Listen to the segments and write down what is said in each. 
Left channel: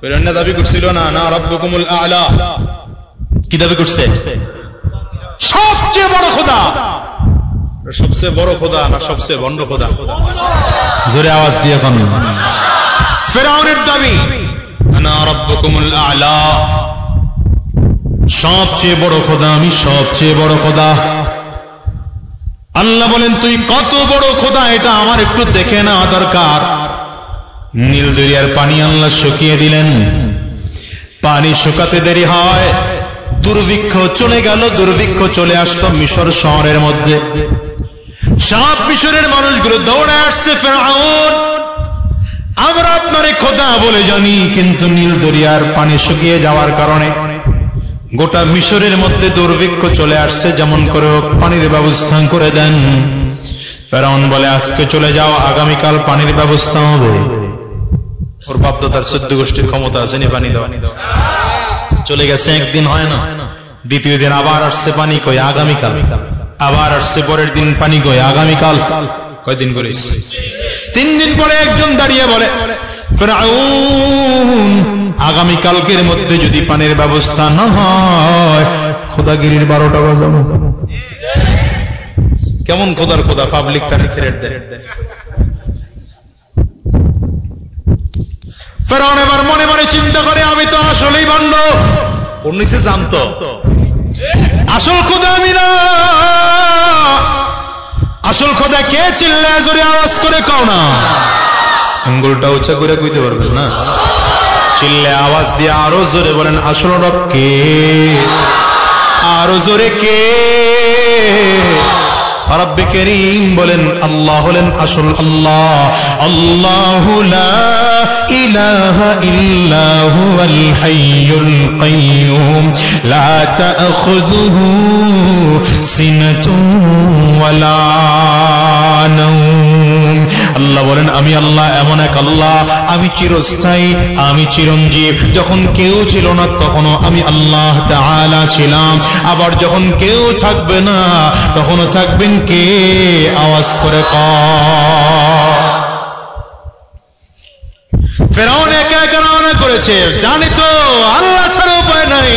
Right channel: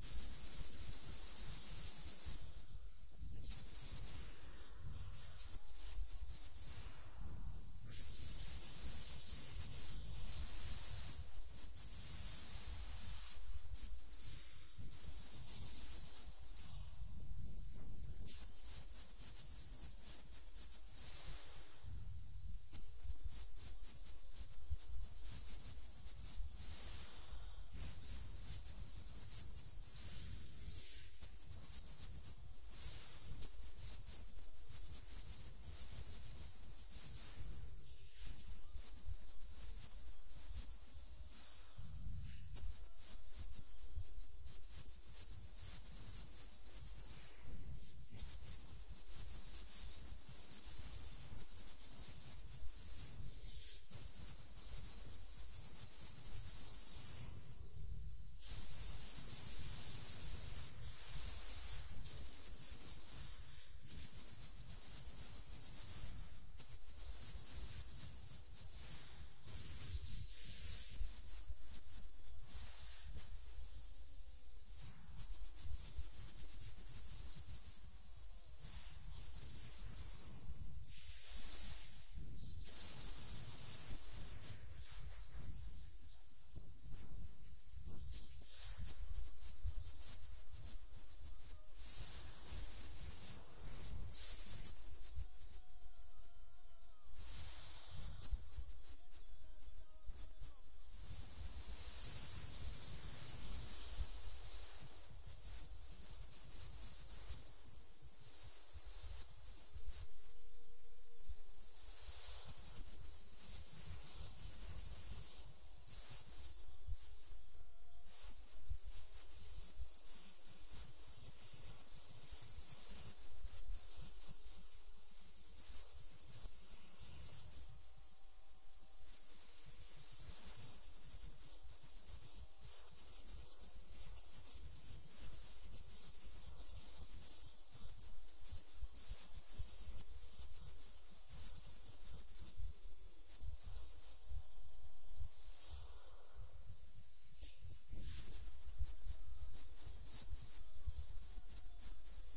ফেরাউন দাবি করছিল না না রাব্বুকুমুল আ'লা, কি দাবি করছে? সবচেয়ে বড় খোদা। সবচেয়ে বড় খোদা না সবচেয়ে ভণ্ড খোদা? জোরে আওয়াজ দিয়ে এখন। ফেরাউনের দাবি আনা রাব্বুকুমুল আ'লা, সবচেয়ে বড় খোদা আমি, সবচেয়ে বড় খোদা। আল্লাহ বলেন তুই কত বড় খোদা এটা আমার একটু দেখে নেওয়া দরকার। নীল দরিয়ার পানি আল্লাহ শুকিয়ে দিলেন। পানি শুকাতে দেরি হয়, দুর্ভিক্ষ চলে গেল। দুর্ভিক্ষ চলে আসলো মিশর শহরের মধ্যে। সব মিশরের মানুষগুলো দৌড়ে আসছে, ফেরাউন আমরা আপনারে খোদা বলে জানি, কিন্তু নীল দরিয়ার পানি শুকিয়ে যাওয়ার কারণে গোটা মিশরের মধ্যে দুর্ভিক্ষ চলে আসছে, যেমন করে হোক পানির ব্যবস্থা করে দেন। ফেরাউন বলে আজকে চলে যাও, আগামীকাল পানির ব্যবস্থা হবে। ওর বাপ দাদার 14 গোষ্ঠীর ক্ষমতা আছে নি পানি দেওয়া। চলে গেছে, একদিন হয় না, দ্বিতীয় দিন আবার আসছে পানি, কই আগামীকাল। আবার আসছে পরের দিন পানি, কই আগামীকাল। কয়দিন করে? 3 দিন পরে একজন দাঁড়িয়ে বলে ফেরাউন আগামীকালকের মধ্যে যদি পানির ব্যবস্থা না হয় খোদাগিরির 12টা বাজাবো। কেমন খোদার খোদা, পাবলিক তার থ্রেট দেয়। ফেরাউন এবার মনে মনে চিন্তা করে আমি তো আসলেই ভণ্ড। ওর নিচে জানতো আসল খোদা আমি না। আসল খোদা কে? চিল্লায় জোরে আওয়াজ করে কও না। আঙ্গুলটা উঁচা করে কইতে পারবেন না? চিল্লে আওয়াজ দিয়ে আরো জোরে বলেন আসল রব কে? আরো জোরে কে? রব্বে করিম বলেন আল্লাহ হলেন আসল আল্লাহ। আল্লাহু লা ইলাহা ইল্লা হুয়াল হাইয়ুল কাইয়্যুম লা তা'খুযুহু সিনাতুন ওয়ালা নাওম। আল্লাহ বলেন আমি আল্লাহ এমন এক আল্লাহ, আমি চিরস্থায়ী, আমি চিরঞ্জীব। যখন কেউ ছিল না তখনও আমি আল্লাহ তাআলা ছিলাম, আবার যখন কেউ থাকবে না তখনও থাকবেন কে? আওয়াজ করে কও। ফেরাউন একা একা রওনা করেছে, জানি তো আল্লাহ ছাড়া উপায় নাই।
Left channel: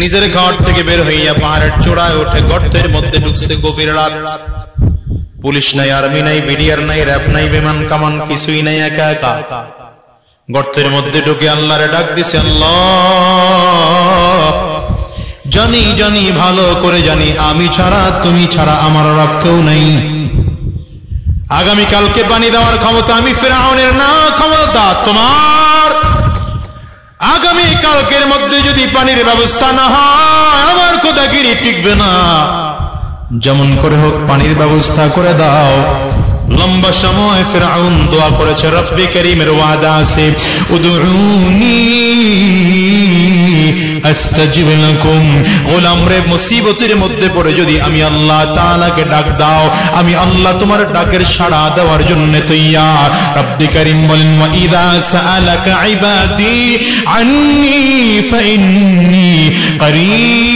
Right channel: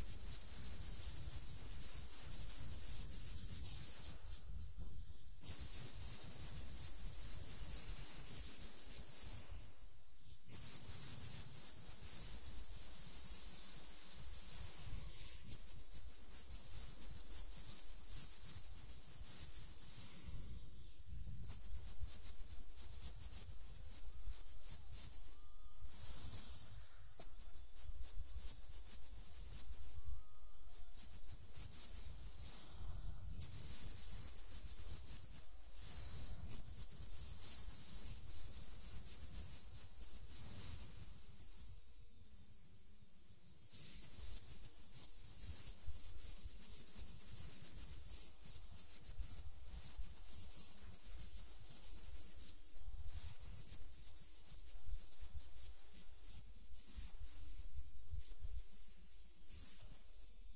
নিজের ঘর থেকে বের হইয়া পাহাড়ের চূড়ায় উঠে গর্তের মধ্যে ঢুকছে। গভীর রাত, পুলিশ নাই, আর্মি নাই, বিডিআর নাই, র‍্যাব নাই, বিমান কামান কিছুই নাই, একা একা গর্তের মধ্যে ঢুকে আল্লাহরে ডাক দিছে আল্লাহ জানি জানি ভালো করে জানি আমি ছাড়া তুমি ছাড়া আমার রব কেউ নাই। আগামীকালকে পানি দেওয়ার ক্ষমতা আমি ফেরাউনের না, ক্ষমতা তোমার। আগামীকালকের মধ্যে যদি পানির ব্যবস্থা না হয় আমার খোদাগিরি টিকবে না। যেমন করে হোক পানির ব্যবস্থা করে দাও। লম্বা সময় ফেরাউন দোয়া করেছে, রব্বে করিমের ওয়াদা আছে উদউনি আস্তাজিব লাকুম। গোলাম রে, মুসিবতের মধ্যে পড়ে যদি আমি আল্লাহ তাআলাকে ডাক দাও, আমি আল্লাহ তোমার ডাকের সাড়া দেওয়ার জন্য তৈয়ার। রব্বে করিম বলেন ওয়া ইযা সাআলাকা ইবাদি আন্নী ফাইন্নী করিব।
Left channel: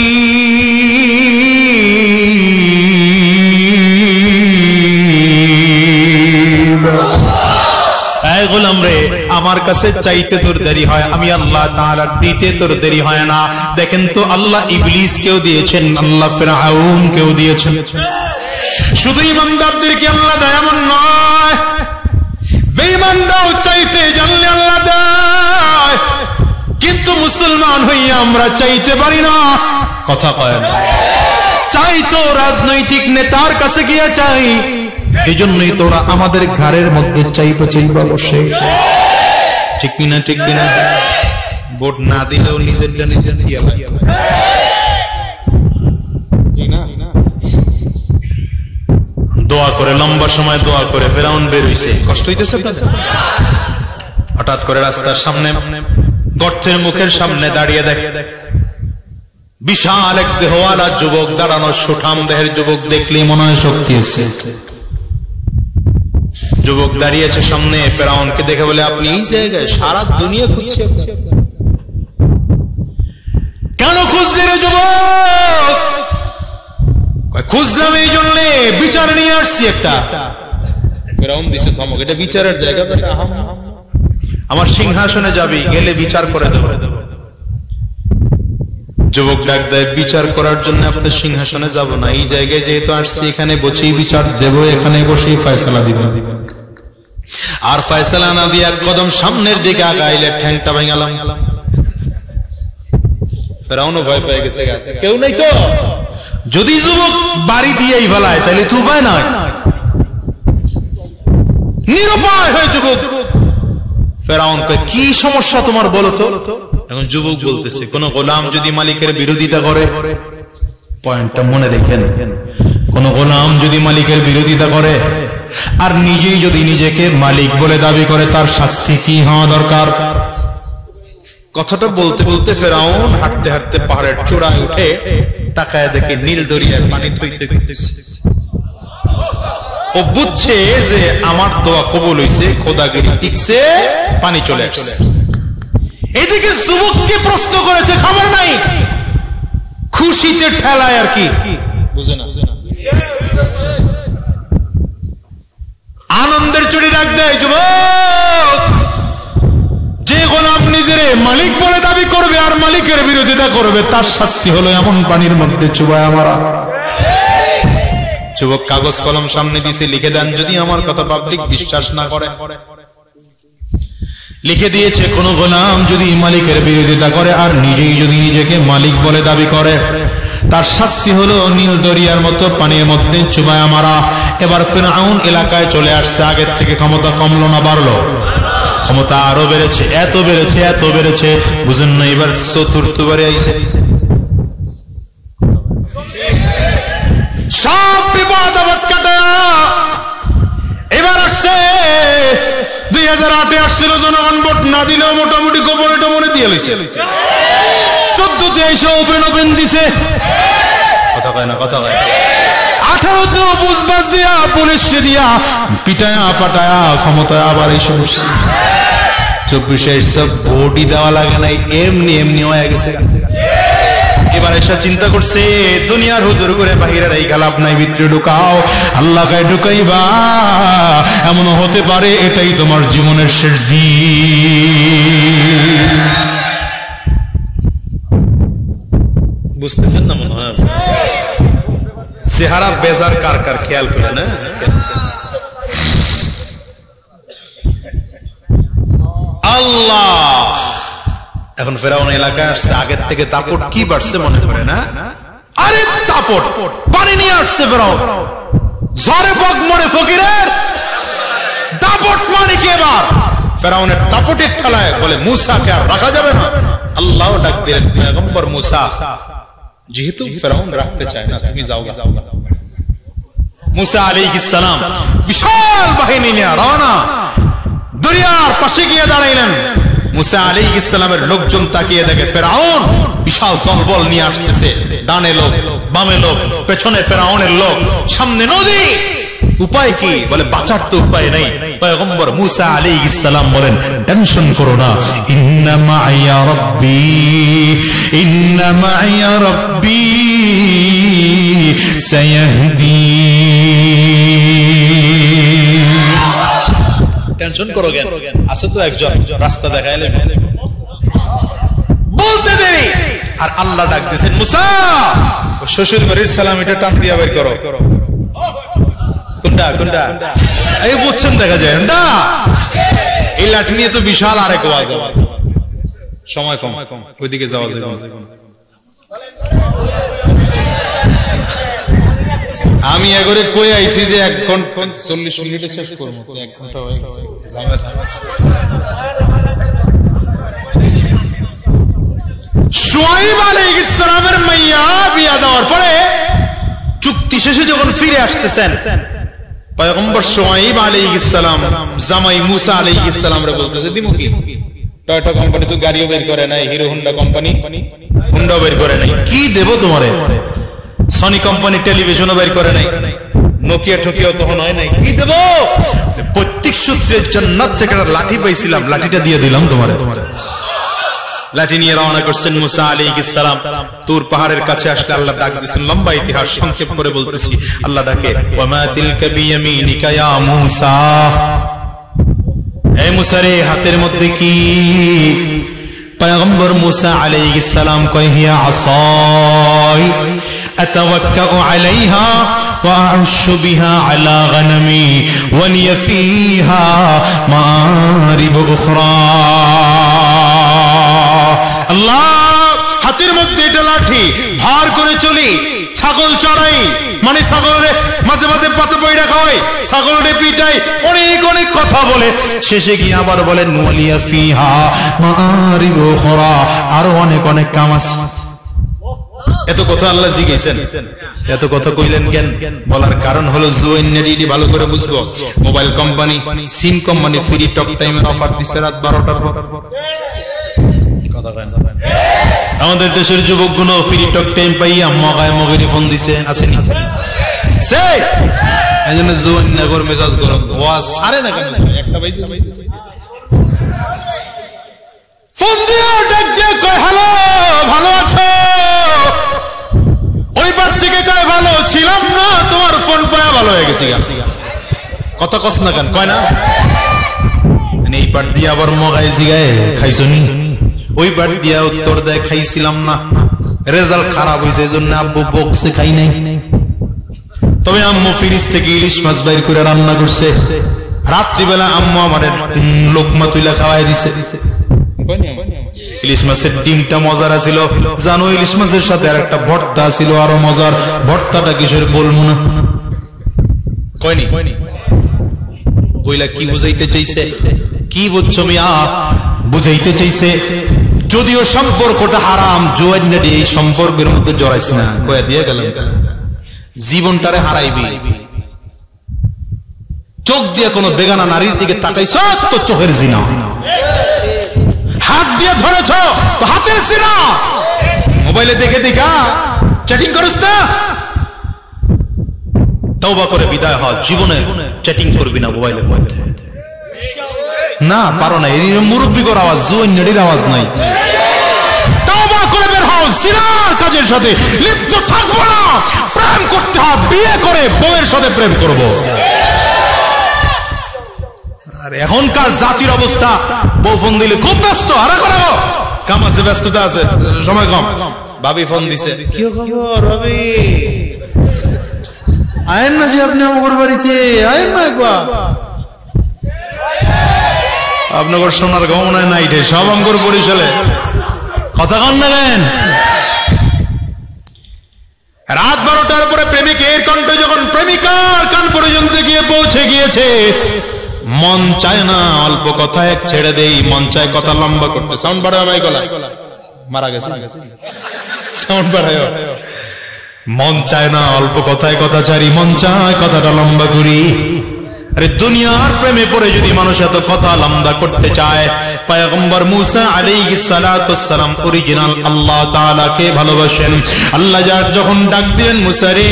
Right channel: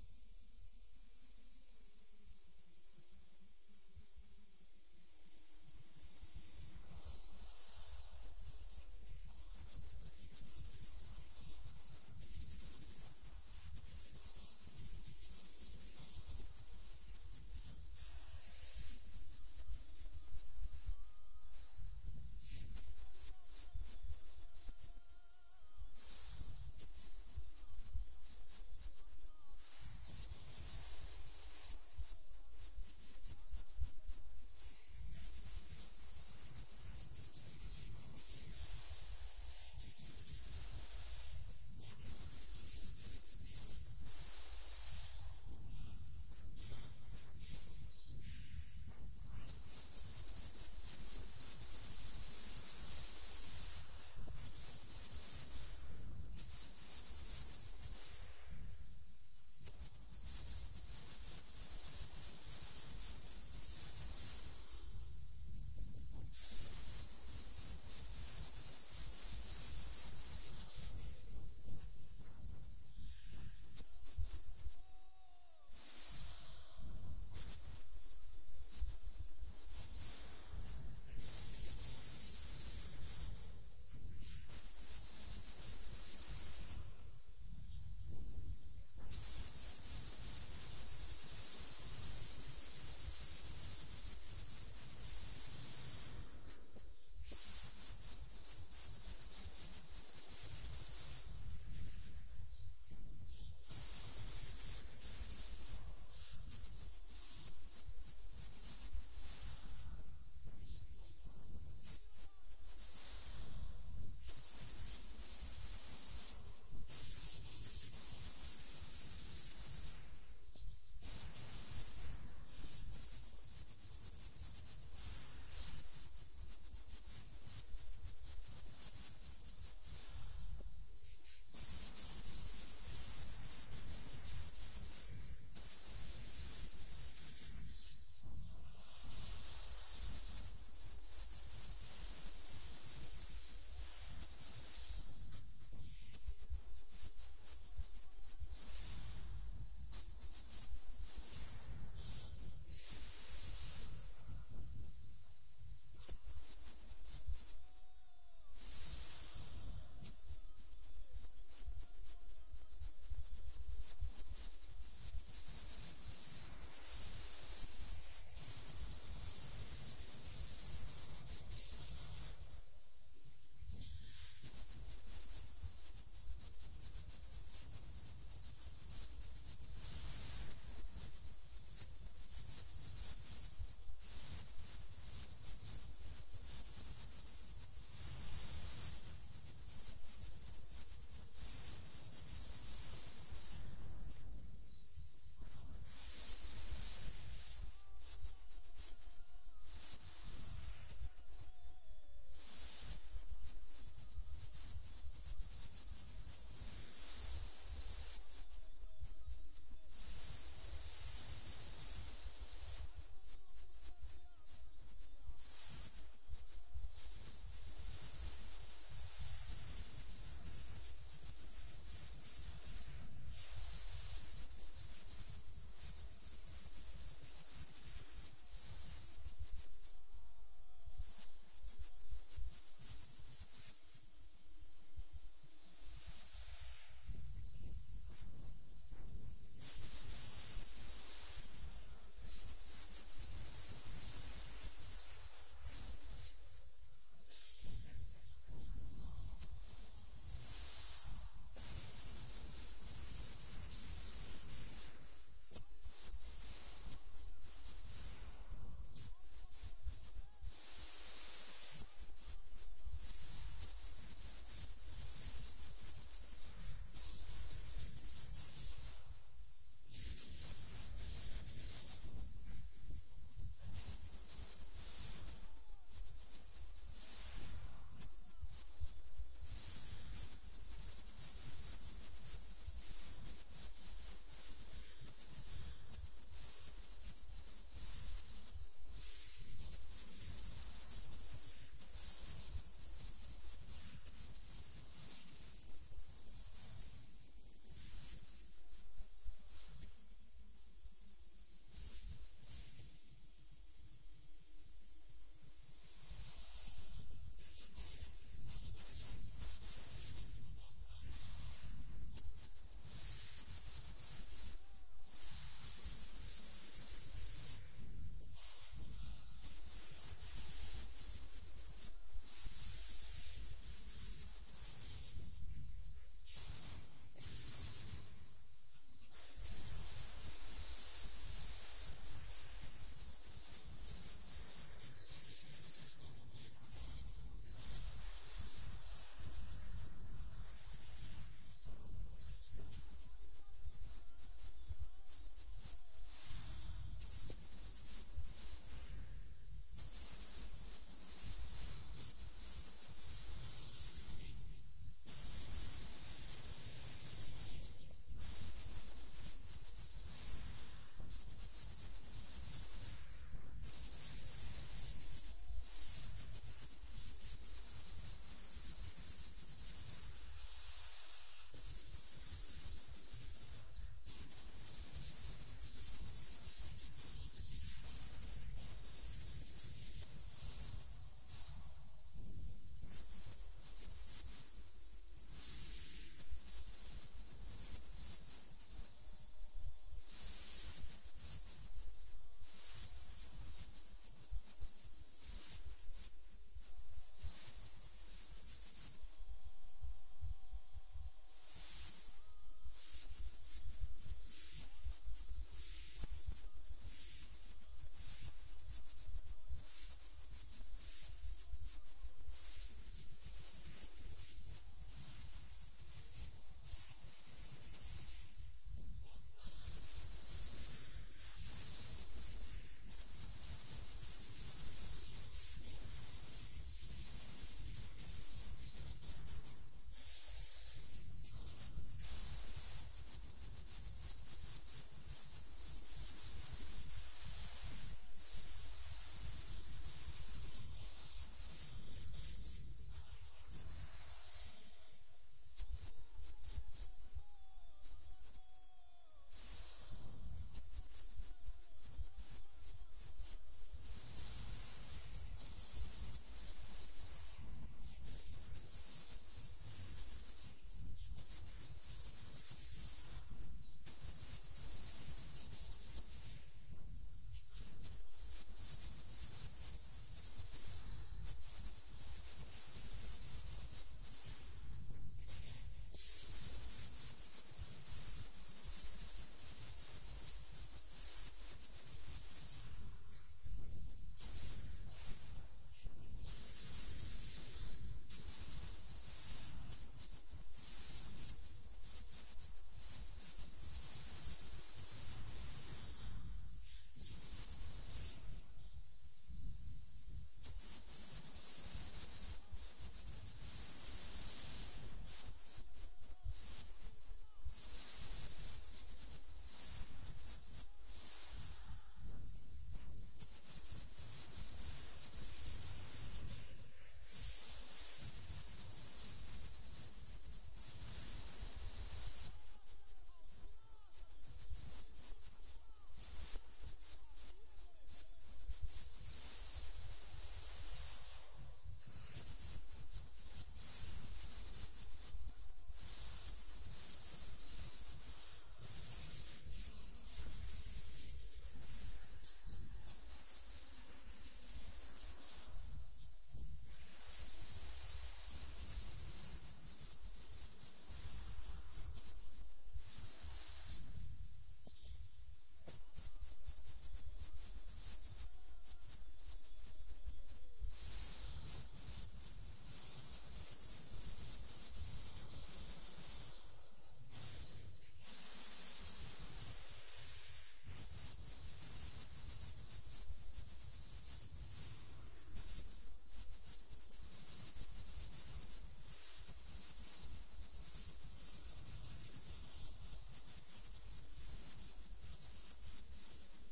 গোলাম রে, আমার কাছে চাইতে তোর দেরি হয়, আমি আল্লাহ তাআলা দিতে তোর দেরি হয় না। দেখেন তো আল্লাহ ইবলিস কেউ দিয়েছেন, আল্লাহ ফিরআউন কেউ দিয়েছেন। শুধু ইমানদারদেরকে আল্লাহ দেয় এমন নয়, বেঈমানরাও চাইতে জানলে আল্লাহ দেয়। কিন্তু মুসলমান হইয়া আমরা চাইতে পারি না। কথা কয় না, চাই তো রাজনৈতিক নেতার কাছে গিয়ে চাই। এই জন্যই তোরা আমাদের ঘরের মধ্যে চাইবা চাইবা বসে। ঠিক কিনা? ঠিক কিনা? ভোট না দিলেও নিজেরটা নিজের দিয়া লাগে। দোয়া করে, লম্বা সময় দোয়া করে ফেরাউন বের হইছে। কষ্ট হইতেছে আপনাদের? হঠাৎ করে রাস্তার সামনে গর্তের মুখের সামনে দাঁড়িয়ে দেখে বিশাল এক দেহওয়ালা যুবক দাঁড়ানো। সুঠাম দেহের যুবক, দেখলেই মনে হয় শক্তি আছে। যুবক দাঁড়িয়েছে সামনে। ফেরাউনকে দেখে বলে আপনি এই জায়গায়? সারা দুনিয়া খুঁজছে। কেন খুঁজলি রে যুবক? খুঁজলাম এই জন্য, বিচার নিয়ে আসছি একটা। ফেরাউন দিছে ধমক, এটা বিচারের জায়গা। আমার সিংহাসনে যাবি, গেলে বিচার করে দেব। যুবক ডাক দেয়, বিচার করার জন্য আপনাদের সিংহাসনে যাব না, এই জায়গায় যেহেতু আসছি এখানে বসেই বিচার দেব, এখানে বসেই ফয়সালা দিব। আর ফয়সালা না দিয়ে এক কদম সামনের দিকে আগাইলে ঠ্যাংটা ভাঙালাম। ফেরাউনও ভয় পেয়ে গেছে, কেউ নাই তো। যদি যুবক বাড়ি দিয়েই ফেলায় তাহলে তো উপায় নাই, নিরুপায় হয়ে যুবক। ফেরাউন কয়, কি সমস্যা তোমার বলো তো? এখন যুবক বলতেছে, কোন গোলাম যদি মালিকের বিরোধিতা করে, পয়েন্টটা মনে রেখেন, কোন গোলাম যদি মালিকের বিরোধিতা করে আর নিজেই যদি নিজেকে মালিক বলে দাবি করে, তার শাস্তি কি হওয়া দরকার? কথাটা বলতে বলতে ফেরাউন হাঁটতে হাঁটতে পাহাড়ের চূড়ায় উঠে তাকায় দেখে নীল দরিয়ার পানি থইতে থইতেছে। ও বুঝছে যে আমার দোয়া কবুল হইছে, খোদাগিরি টিকছে, পানি চলে আসছে। এদিকে যুবককে প্রশ্ন করেছে, খবর নাই, খুশিতে ঠেলায় আর কি, বুঝে না, আনন্দের চুরি ডাক দেয়, যুবক, যে গোলাম নিজের মালিক বলে দাবি করবে আর মালিকের বিরোধিতা করবে, তার শাস্তি হলো এমন পানির মধ্যে চুবায় মারা। যুবক কাগজ কলম সামনে দিছে, লিখে দেন, যদি আমার কথা পাবলিক বিশ্বাস না করে। লিখে দিয়েছে, কোন গোলাম যদি মালিকের বিরোধিতা করে আর নিজেই যদি নিজেকে মালিক বলে দাবি করে, তার শাস্তি হলো নীল দরিয়ার মতো পানির মধ্যে চুবায়া মারা। এবার ফিরআউন এলাকায় চলে আসছে, আগের থেকে ক্ষমতা কমলো না বাড়লো? ক্ষমতা আরো বেড়েছে, এত বেড়েছে, এত বেড়েছে, বুঝেন না? এবার চতুর্থবারে আইছে, সব বিপদ আপদ কাটা এবার আসছে। 2008-এ আসছিল, জনগণ ভোট না দিলেও মোটামুটি গোপনে টোপনে দিয়ে লইছে। 14-তে এসে ওপেন ওপেন দিছে, কথা কয় না, কথা কয়। 18-তে বুঝবাস দিয়া, পুলিশকে দিয়া পিটায়া পাটায়া ক্ষমতায় আবার এসে বসছে। 24-এ সব ভোটই দেওয়া লাগে নাই, এমনি এমনি হয়ে গেছে। এবার এসে চিন্তা করছে, দুনিয়ার হুজুর করে বাহিরে রাইখা লাভ নাই, ভিতরে ঢুকাও, আল্লাহ কায় ঢুকাইবা। এমন হতে পারে এটাই তোমার জীবনের শেষ দিন। বুঝতেছেন না মনে হয়? চেহারা বেজার কার কার খেয়াল করে না? আল্লাহ। এখন ফেরাউন এলাকায় আসছে, আগের থেকে দাপট কি বাড়ছে মনে করে না? আরে দাপট, পানি নিয়ে আসছে ফেরাউন, ঝড়ে বক মরে ফকিরের দাপট মানে কি? এবার ফেরাউনের দাপটের ঠেলায় বলে, মুসাকে আর রাখা যাবে না। আল্লাহ ডাক দিলেন, পয়গম্বর মুসা, যেহেতু ফেরাউন রাখতে চায় না, তুমি যাও। মুসা আলাইহিস সালাম বিশাল বাহিনী নিয়ে রওনা, দরিয়ার পাশে গিয়ে দাঁড়াইলেন। মুসা আলাইহিস সালামের লোকজন তাকিয়ে দেখে ফেরাউন বিশাল দলবল নিয়ে আসতেছে, ডানে লোক, বামে লোক, পেছনে ফেরাউনের লোক, সামনে নদী। উপায় কি? বলে বাঁচার তো উপায় নাই। পয়গম্বর মুসা আলাইহিস সালাম বলেন, টেনশন করো না, ইন্না মাইয়া রাব্বি, ইন্না মাইয়া রাব্বি সায়াহদি। টেনশন করো কেন? আছে তো একজন রাস্তা দেখাইলে, বলতে দেরি। আর আল্লাহ ডাক দিয়েছেন, মুসা, শ্বশুর বাড়ির সালামিটা টান দিয়া বের করো। কোনটা কোনটা? এই বুঝছেন, দেখা যায় না, এই লাঠি নিয়ে তো বিশাল আরেক ওয়াজ। সময় কম, ওইদিকে যাওয়া যায়। আমি এগরে কই আইছি যে 1 ঘন্টা 40 মিনিটে শেষ করব, 1 ঘন্টা হয়ে গেছে। শুআইব আলাইহিস সালামের মাইয়া বিয়া দেওয়ার পরে চুক্তি শেষে যখন ফিরে আসতেছেন, পয়গম্বর শুআইব আলাইহিস সালাম জামাই মুসা আলাইহিস সালামরে বলতেছে, দিমু কি? টয়োটা কোম্পানি তো গাড়িও বের করে নাই, হিরো হোন্ডা কোম্পানি হোন্ডা বের করে নাই, কি দেব তোমারে? সনি কোম্পানি টেলিভিশনও বের করে নাই, নোকিয়া টোকিয়াও তখন হয় নাই, কি দেব? প্রত্যেক সূত্রের জান্নাত থেকে লাঠি পাইছিলাম, লাঠিটা দিয়ে দিলাম তোমারে। লাঠি নিয়ে রওনা করছেন মুসা আলাইহিস সালাম। তুর পাহাড়ের কাছে আসলে আল্লাহ ডাক দিয়েছেন, লম্বা ইতিহাস সংক্ষেপ করে বলতেছি। আল্লাহ ডাকে, ওয়া মা তিলকা বিয়ামিনিকা ইয়া মুসা, এই মুসা রে হাতের মধ্যে কি? পয়গম্বর মুসা আলাইহিস সালাম কয় হিয়া আসাই আতাওয়াক্কাউ আলাইহা ওয়া আউশু বিহা আলা গনামি ওয়া লিয়া ফিহা মারিব উখরা। আল্লাহ, হাতের মধ্যে এটা লাঠি, ভার করে চলি, ছাগল চড়াই, মানে ছাগলের মাঝে মাঝে পাতা পয়ডা খাওয়াই, ছাগলের পিটাই, অনেক অনেক কথা বলে শেষে গিয়ে আবার বলেন ওয়ালিয়া ফিহা মারিবু উখরা, আরো অনেক অনেক কাম আছে। এত কথা আল্লাহ জিজ্ঞেসেন, এত কথা কইলেন কেন? বলার কারণ হলো জুয়েন্নেডি ভালো করে বুঝবো। মোবাইল কোম্পানি সিম কোম্পানি ফ্রি টক টাইমের অফার দিচ্ছে রাত 12টার পর। আমাদের দেশের যুবকগুলো ফ্রি টক টাইম পাইয়া মগায় মগেরি ফোন দিছে, আসেনি? এই জন্য জুয়েন্নগর মেজাজ গরম, ওয়াজ সারে না কেন? একটা পাইছে ফোন দিয়ে ডাক দিয়ে কয় হ্যালো, ভালো আছো? ওই পার থেকে কয় ভালো ছিলাম না, তোমার ফোন পায়া ভালো হয়ে গেছি। কথা কস না কেন? কয় না। এই পার দিয়ে আবার মগায় জিগায় খাইছো নি? ওই পার দিয়া উত্তর দেয় খাইছিলাম না, রেজাল্ট খারাপ হয়েছে এই জন্য আব্বু বকছে, খাই নাই। তবে আম্মু ফ্রিজ থেকে ইলিশ মাছ বাইর করে রান্না করছে, রাত্রিবেলা আম্মু আমাদের লোকমা তুইলা খাওয়াই দিছে। ইলিশ মাছের ডিমটা মজার ছিল জানো, ইলিশ মাছের সাথে আর একটা ভর্তা ছিল আরো মজার। ভর্তাটা কিসের বলবো না, কয়নি বইলা কি বুঝাইতে চাইছে? কি বুঝছো মিয়া? বুঝাইতে চাইছে যদিও সম্পর্কটা হারাম, জুয়েন্নেডি এই সম্পর্কের মধ্যে জড়াইস না, কয়া দিয়ে গেল জীবনটারে হারাইবি। চোখ দিয়ে কোনো বেগানা নারীর দিকে তাকাইছ তো চোখের জিনা, হাত দিয়ে ধরেছ তো হাতের জিনা, মোবাইলে দেখে দেখা চ্যাটিং করিস না, তওবা করে বিদায় হ, জীবনে চ্যাটিং করবি না মোবাইলের মধ্যে। না পারো না, এই মুরব্বিকর আওয়াজ, জুয়েন্নেডির আওয়াজ নাই। তওবা করে বের হও, জিনার কাজের সাথে লিপ্ত থাকবো না, প্রেম করতে হবে, বিয়ে করে বউয়ের সাথে প্রেম করব। আর এখনকার জাতির অবস্থা, বউ ফোন দিলে খুব ব্যস্ত, আরে করাবো কাম আছে, ব্যস্ততা আছে, সময় কম। ভাবি ফোন দিছে, কি খবর ভাবি? আয়েন না যে আপনি আমার বাড়িতে, আয়েন না একবার। আপনার সোনার গহনায় নাইটে সব আমগর বরিশালে, কথা কন না কেন? রাত 12টার পরে প্রেমিকের কণ্ঠ যখন প্রেমিকার কান পর্যন্ত গিয়ে পৌঁছে গিয়েছে, মন চায় না অল্প কথায় ছেড়ে দেই, মন চায় কথা লম্বা করতে। সাউন্ড বাড়ায় মাই গলা, মারা গেছে সাউন্ড বাড়ায়। মন চায় না অল্প কথায় কথা ছাড়ি, মন চায় কথাটা লম্বা করি। আরে দুনিয়ার প্রেমে পড়ে যদি মানুষ এত কথা লম্বা করতে চায়, পয়গম্বর মুসা আলাইহিস সালাতু ওয়াস সালাম অরিজিনাল আল্লাহ তাআলাকে ভালোবাসেন। আল্লাহ যার যখন ডাক দিলেন মুসা রে,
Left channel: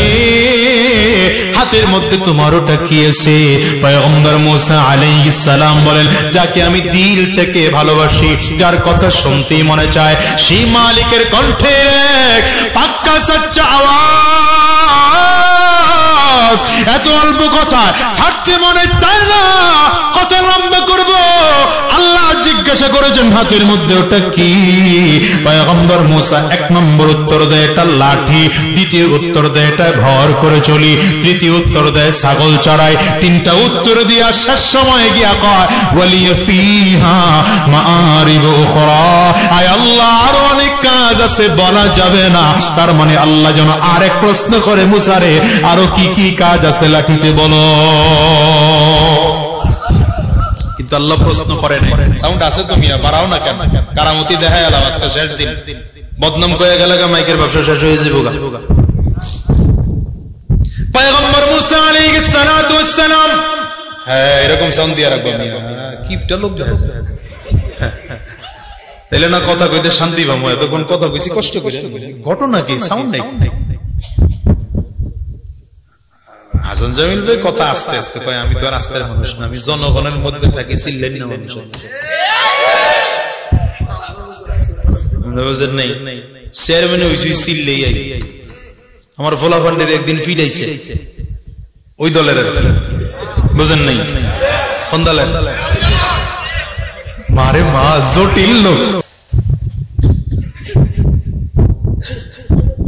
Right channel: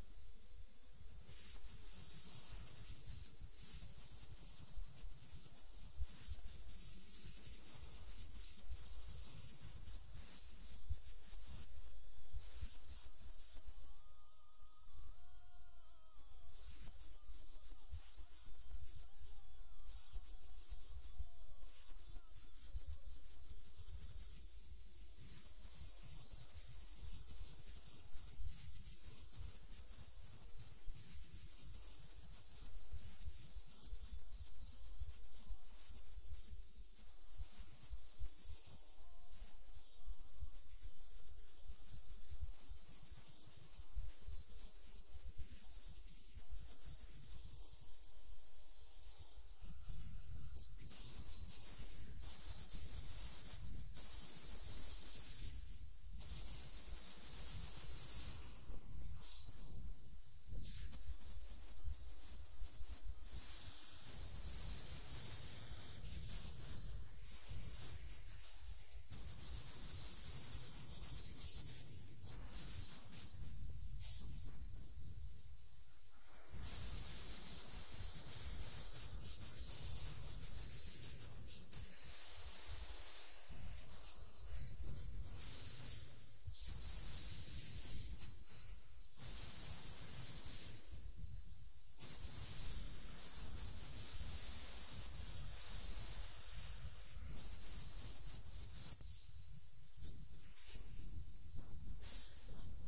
হাতের মধ্যে তোমার ওটা কি আছে? পয়গম্বর মুসা আলাইহিস সালাম বলেন, যাকে আমি দিল থেকে ভালোবাসি, যার কথা শুনতেই মনে চায়, সেই মালিকের কণ্ঠে পাক্কা সচ্চা আওয়াজ, এত অল্প কথা ছাড়তে মনে চায় না, কথা লম্বা করব। আল্লাহ জিজ্ঞাসা করেছেন হাতের মধ্যে ওটা কি? পয়গম্বর মুসা এক নম্বর উত্তর দেয় এটা লাঠি, দ্বিতীয় উত্তর দেয় এটা ভর করে চলি, তৃতীয় উত্তর দেয় ছাগল চড়াই। তিনটা উত্তর দিয়া শেষ সময় গিয়া কয় ওয়ালিয়া ফিহা মাআরিবু উখরা, আয় আল্লাহ আরো অনেক কাজ আছে বলা যাবে না। তার মানে আল্লাহ যেন আরেক প্রশ্ন করে মুসারে, আরো কি কি কাজ আছে লাঠিতে বলো। কিন্তু আল্লাহ প্রশ্ন করে নাই। সাউন্ড আছে তো মিয়া, বাড়াও না কেন? কারামতি দেখায় আলাম আজকে শেষ দিন, বদনাম কয়ে গেলে মাইকের ব্যবসা শেষ হয়ে যাবে। পয়গম্বর মুসা আলাইহিস সালাতু ওয়াস সালাম, হ্যাঁ এরকম সাউন্ড দিয়ে রাখবো মিয়া, কিপটা লোক আছে তাইলে না কথা কইতে শান্তি পাবো। এতক্ষণ কথা কইছি কষ্ট করে, ঘটনা কি? সাউন্ড নাই। হাসান জামিল ভাই কথা আস্তে আস্তে কয়, আমি তো আর আস্তে মানুষ না, আমি জনগণের মধ্যে থাকি, চিল্লেন না মানুষ। বুঝেন নাই? চেয়ারম্যান হইছি চিল্লেই আই। আমার ভোলা পান্ডের একদিন ফিরাইছে ওই দলের, বুঝেন নাই? কোন দলের? মারে মা জটিল লোক।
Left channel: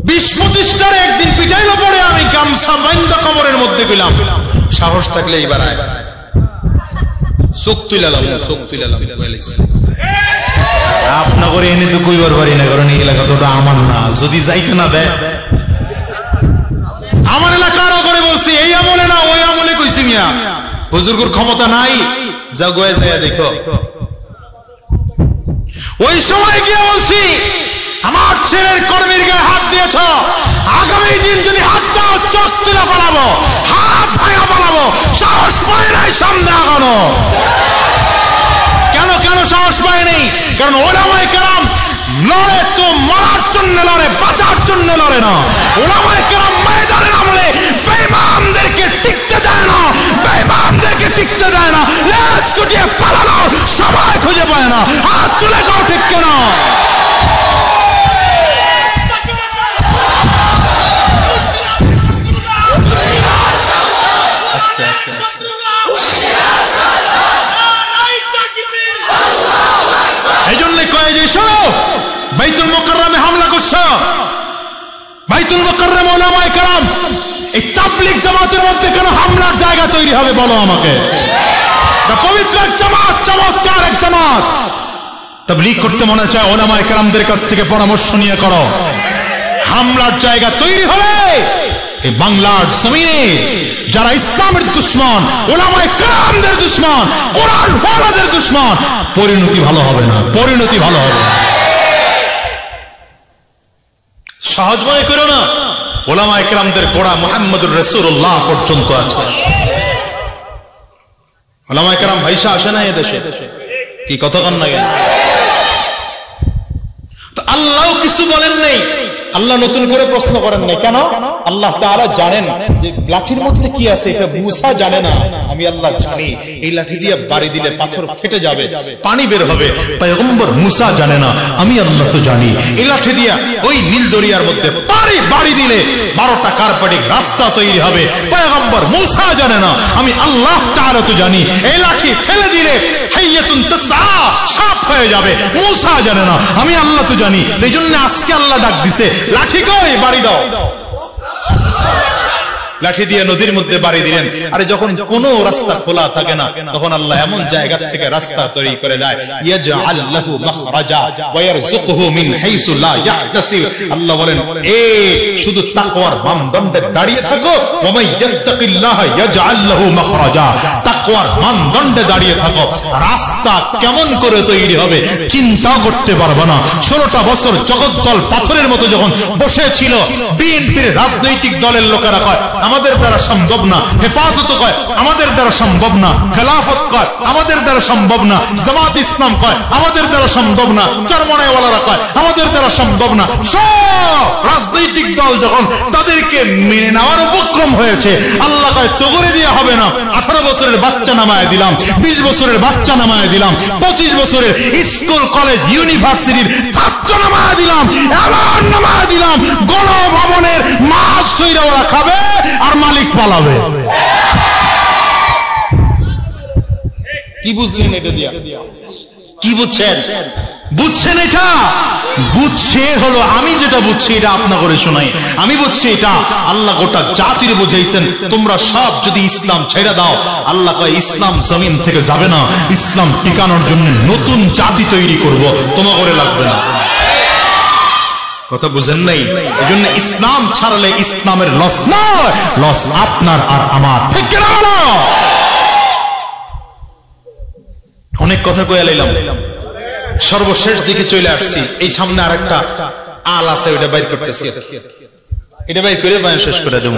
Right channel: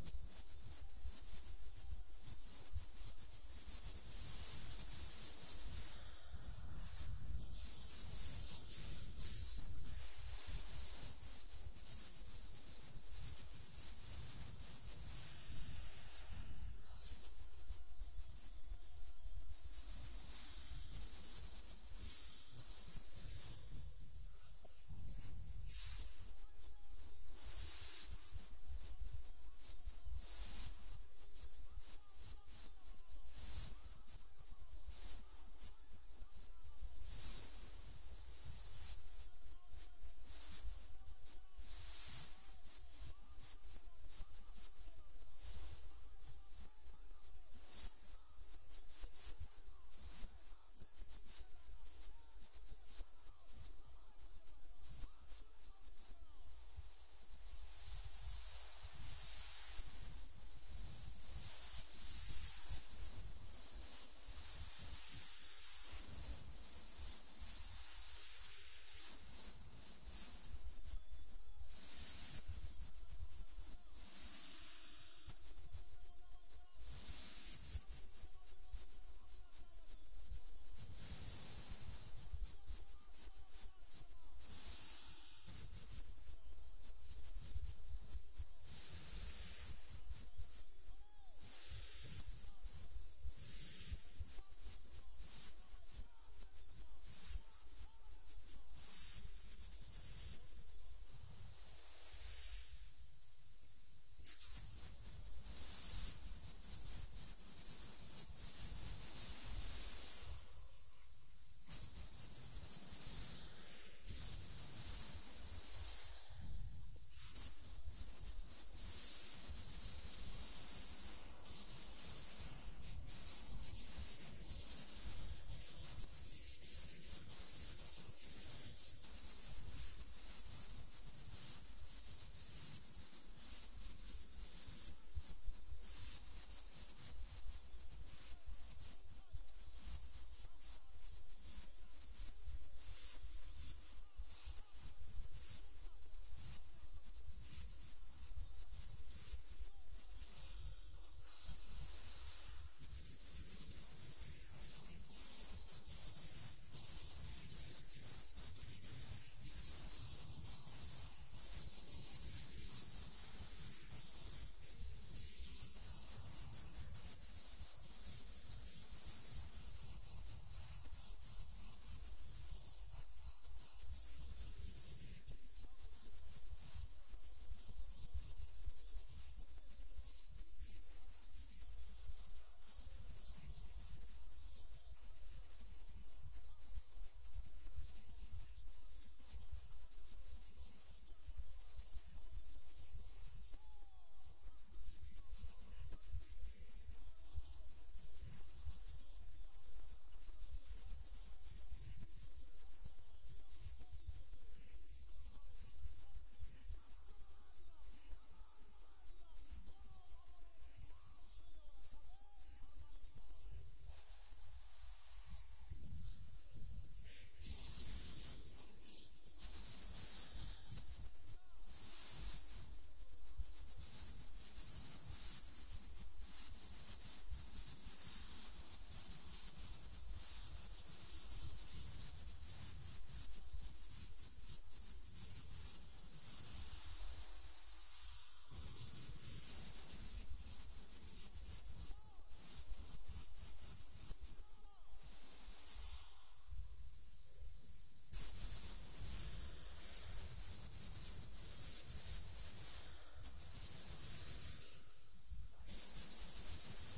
20-25টার একদিন পিটাইলো পড়ে আমি গামছা বাইন্দা কবরের মধ্যে গেলাম। সাহস থাকলে এইবার আয়, চোখ তুলালাম আপনার এনে তো কইবার পারি না, কারণ এই এলাকা তো আমার না। যদি যাইতে না দেয়, আমার এলাকার করে বলছি এই আমলে না ওই আমলে কইছি মিয়া, হুজুরগুর ক্ষমতা নাই, যা গোয়ে যায় দেখো। ওই সময় গিয়ে বলছি আমার ছেলের কর্মীর গায়ে হাত দিয়েছ, আগামী দিন যদি হাত দাও চোখ তুলে ফেলাবো, হাত ভাঙা ফেলাবো। সাহস পায় নাই সামনে আগানো। কেন কেন সাহস পায় নেই? কারণ ওলামায়ে কেরাম লড়ে তো মরার জন্য লড়ে, বাঁচার জন্য লড়ে না। ওলামায়ে কেরাম ময়দানে নামলে বেঈমানদেরকে টিকতে দেয় না, বেঈমানদেরকে টিকতে দেয় না। লেজ গুটিয়ে পালানোর সময় খুঁজে পায় না। হাত তুলে যাও, ঠিক কেন? আস্তে আস্তে আস্তে এই জন্য কয়ে যে শোনো, বাইতুল মুকাররমে হামলা করছো, বাইতুল মুকাররম ওলামায়ে কেরাম এই তাবলীগ জামাতের মধ্যে কেন হামলার জায়গা তৈরি হবে বলো আমাকে? পবিত্র জামাত, চমৎকার এক জামাত। তাবলীগ করতে মনে চায় ওলামায়ে কেরামদের কাছ থেকে পরামর্শ নিয়ে করো। হামলার জায়গা তৈরি হবে এই বাংলার জমিনে যারা ইসলামের দুশমন, ওলামায়ে কেরামদের দুশমন, কোরআন ওয়ালাদের দুশমন। পরিণতি ভালো হবে না, পরিণতি ভালো হবে না। সহজ মনে করো না, ওলামায়ে কেরামদের গোড়া মুহাম্মদুর রাসূলুল্লাহ পর্যন্ত আছে। ওলামায়ে কেরাম ভাইসা আসে না এদেশে, কি কথা কন না? আল্লাহ কিছু বলেন নাই, আল্লাহ নতুন করে প্রশ্ন করেন নাই। কেন? আল্লাহ তাআলা জানেন যে লাঠির মধ্যে কি আছে, এটা মুসা জানে না, আমি আল্লাহ জানি। এই লাঠি দিয়ে বাড়ি দিলে পাথর ফেটে যাবে, পানি বের হবে, পয়গম্বর মুসা জানে না, আমি আল্লাহ তো জানি। এই লাঠি দিয়ে ওই নীল দরিয়ার মধ্যে বাড়ি দিলে 12টা কার্পেটিং রাস্তা তৈরি হবে, পয়গম্বর মুসা জানে না, আমি আল্লাহ তাআলা তো জানি। এই লাঠি ফেলে দিলে হাইয়াতুন তাসা সাপ হয়ে যাবে, মুসা জানে না, আমি আল্লাহ তো জানি। এই জন্য আজকে আল্লাহ ডাক দিছে, লাঠি কই, বাড়ি দাও। লাঠি দিয়ে নদীর মধ্যে বাড়ি দিলেন। আরে যখন কোনো রাস্তা খোলা থাকে না, তখন আল্লাহ এমন জায়গা থেকে রাস্তা তৈরি করে দেয়, ইয়াজআল লাহু মাখরাজা ওয়া ইয়ারযুকুহু মিন হাইসু লা ইয়াহতাসিব। আল্লাহ বলেন, এ শুধু তাকওয়ার মানদণ্ডে দাঁড়িয়ে থাকো, ওয়া মান ইয়াত্তাকিল্লাহ ইয়াজআল লাহু মাখরাজা। তাকওয়ার মানদণ্ডে দাঁড়িয়ে থাকো, রাস্তা কেমন করে তৈরি হবে চিন্তা করতে পারবে না। 16টা বছর জগদ্দল পাথরের মতো যখন বসেছিল, বিএনপির রাজনৈতিক দলের লোকেরা কয় আমাদের দ্বারা সম্ভব না, হেফাজত কয় আমাদের দ্বারা সম্ভব না, খেলাফত কয় আমাদের দ্বারা সম্ভব না, জামাত ইসলাম কয় আমাদের দ্বারা সম্ভব না, চরমনাইওয়ালারা কয় আমাদের দ্বারা সম্ভব না। সব রাজনৈতিক দল যখন তাদেরকে মেনে নেওয়ার উপক্রম হয়েছে, আল্লাহ কয় তগরে দিয়ে হবে না। 18 বছরের বাচ্চা নামায় দিলাম, 20 বছরের বাচ্চা নামায় দিলাম, 25 বছরের স্কুল কলেজ ইউনিভার্সিটির ছাত্র নামায় দিলাম, এমন নামায় দিলাম গণভবনের মাছ তৈরি ওরা খাবে আর মালিক পালাবে। কি বুঝলেন এটা দিয়া? কি বুঝছেন? বুঝছেন এটা? বুঝছে হলো, আমি যেটা বুঝছি এটা আপনাকে করে শোনাই। আমি বুঝছি এটা আল্লাহ গোটা জাতির বুঝাইছেন, তোমরা সব যদি ইসলাম ছেড়ে দাও, আল্লাহ কয় ইসলাম জমিন থেকে যাবে না, ইসলাম টিকানোর জন্য নতুন জাতি তৈরি করব, তোমাকে করে লাগবে না। কথা বুঝেন নাই? এজন্য ইসলাম ছাড়লে ইসলামের লস নয়, লস আপনার আর আমার। ঠিক কি না বলো? অনেক কথা কইয়া লাইলাম, সর্বশেষ দিকে চলে আসছি। এই সামনে আরেকটা আল আছে, ওটা বাইর করতেছি, এটা বাইর করে শেষ করে দেবো।